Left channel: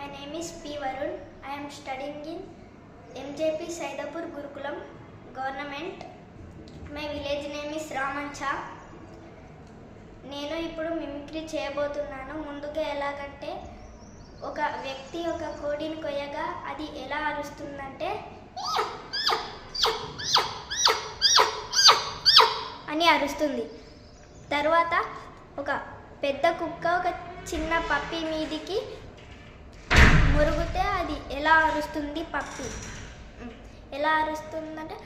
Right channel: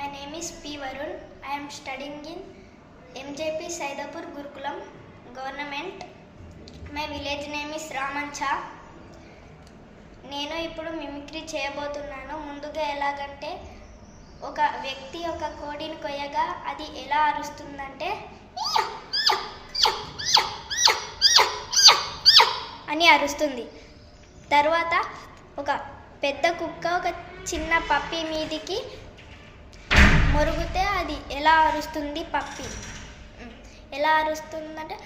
My name is P Varun I'm studying in MJP Saidapur Gurukulam government my village name is Ramancha నేను ఇప్పుడు mimicry చేయబోతున్నాను ముందుగా ఎలాగంటే ఒక వ్యక్తి ఒక కోడిని కొయ్యగా అది ఎలా అరుస్తుందంటే అని అరుస్తుంది తర్వాత ఒక పెద్ద కుక్క ఒక చిన్న పప్పి మీదికి మొరుగుతే అది ఎలా అరుస్తుంది పప్పి? ఎలా అరుస్తుందంటే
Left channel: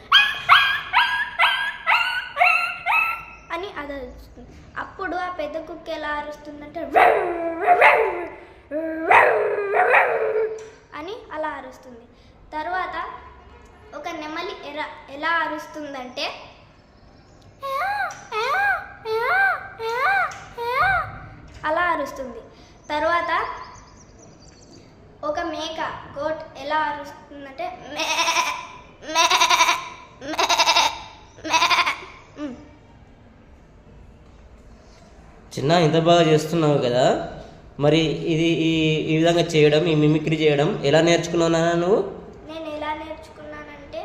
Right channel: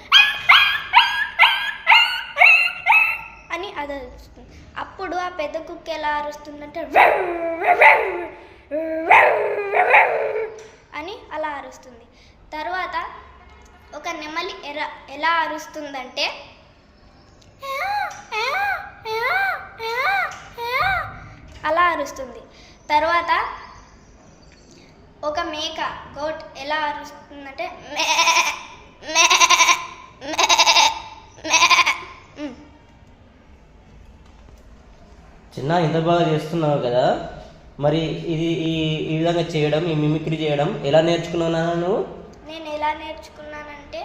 అని అది అరుస్తుంది. అప్పుడు ఆ పెద్ద కుక్క ఎలా అరుస్తుందంటే అని అలా అరుస్తుంది. తర్వాత ఒక నెమలి ఎలా ఎలా అరుస్తుందంటే అలా అరుస్తుంది. తర్వాత ఒక మేక గోట్ ఎలా అరుస్తుందంటే మే మే మే మే ఉమ్. చిన్న ఇంత బాగా చేస్తున్నావు కదా? మరి ఇది ఈ ఈ విధంగా చేయడం ఈ మిమిక్రీ చేయడం ఎలా నేర్చుకున్నావు నాన్న నువ్వు? నేను ఎలా నేర్చుకున్నానంటే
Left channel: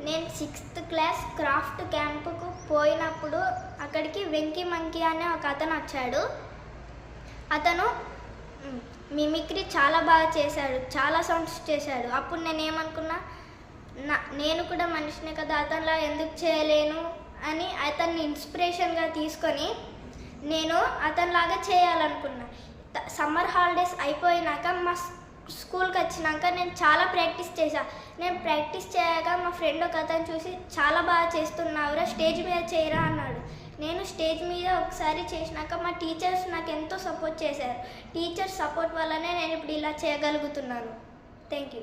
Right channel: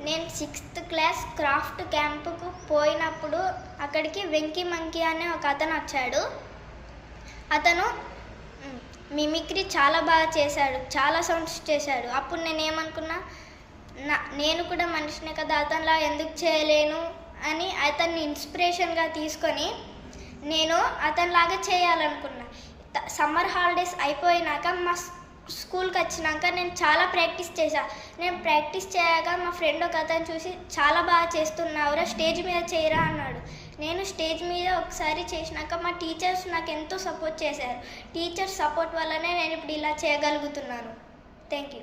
నేను సిక్స్త్ క్లాస్ క్రాఫ్ట్ క్యాంపుకు పోయినప్పుడు అక్కడికి వెంకీ మంకీ అనే ఒక అతను వచ్చాడు. అతను మిమిక్రీ చాలా బాగా చేశాడు చాలా సౌండ్స్ చేశాడు. అప్పుడు నేను ఏమనుకున్నా నా నేను కూడా మనిషినే కదా అతనిలా ఎందుకు చేయలేను అని అతన్ని ఇన్స్పిరేషన్గా తీసుకొని నేను అతనిలాగా చేయాలనుకున్నా. సమ్మర్ హాలిడేస్ అయిపోయినాక మా స్కూల్కి వచ్చినాక నేను చాలా ప్రాక్టీస్ చేశా. నేను ప్రాక్టీస్ చేయగా మా ఫ్రెండ్ ఒక అతను చూసి చాలా బాగా చేస్తున్నావురా స్టేజ్ మీద చేయరా అన్నాడు. నేను స్టేజ్ మీద ఒకసారి చేసినాక మా టీచర్స్ నాకు ఎంతో సపోర్ట్ చేశారు. టీచర్స్ సపోర్ట్ వల్లనే నేను ఇప్పుడు ఇలా చేయగలుగుతున్నాను. Thank you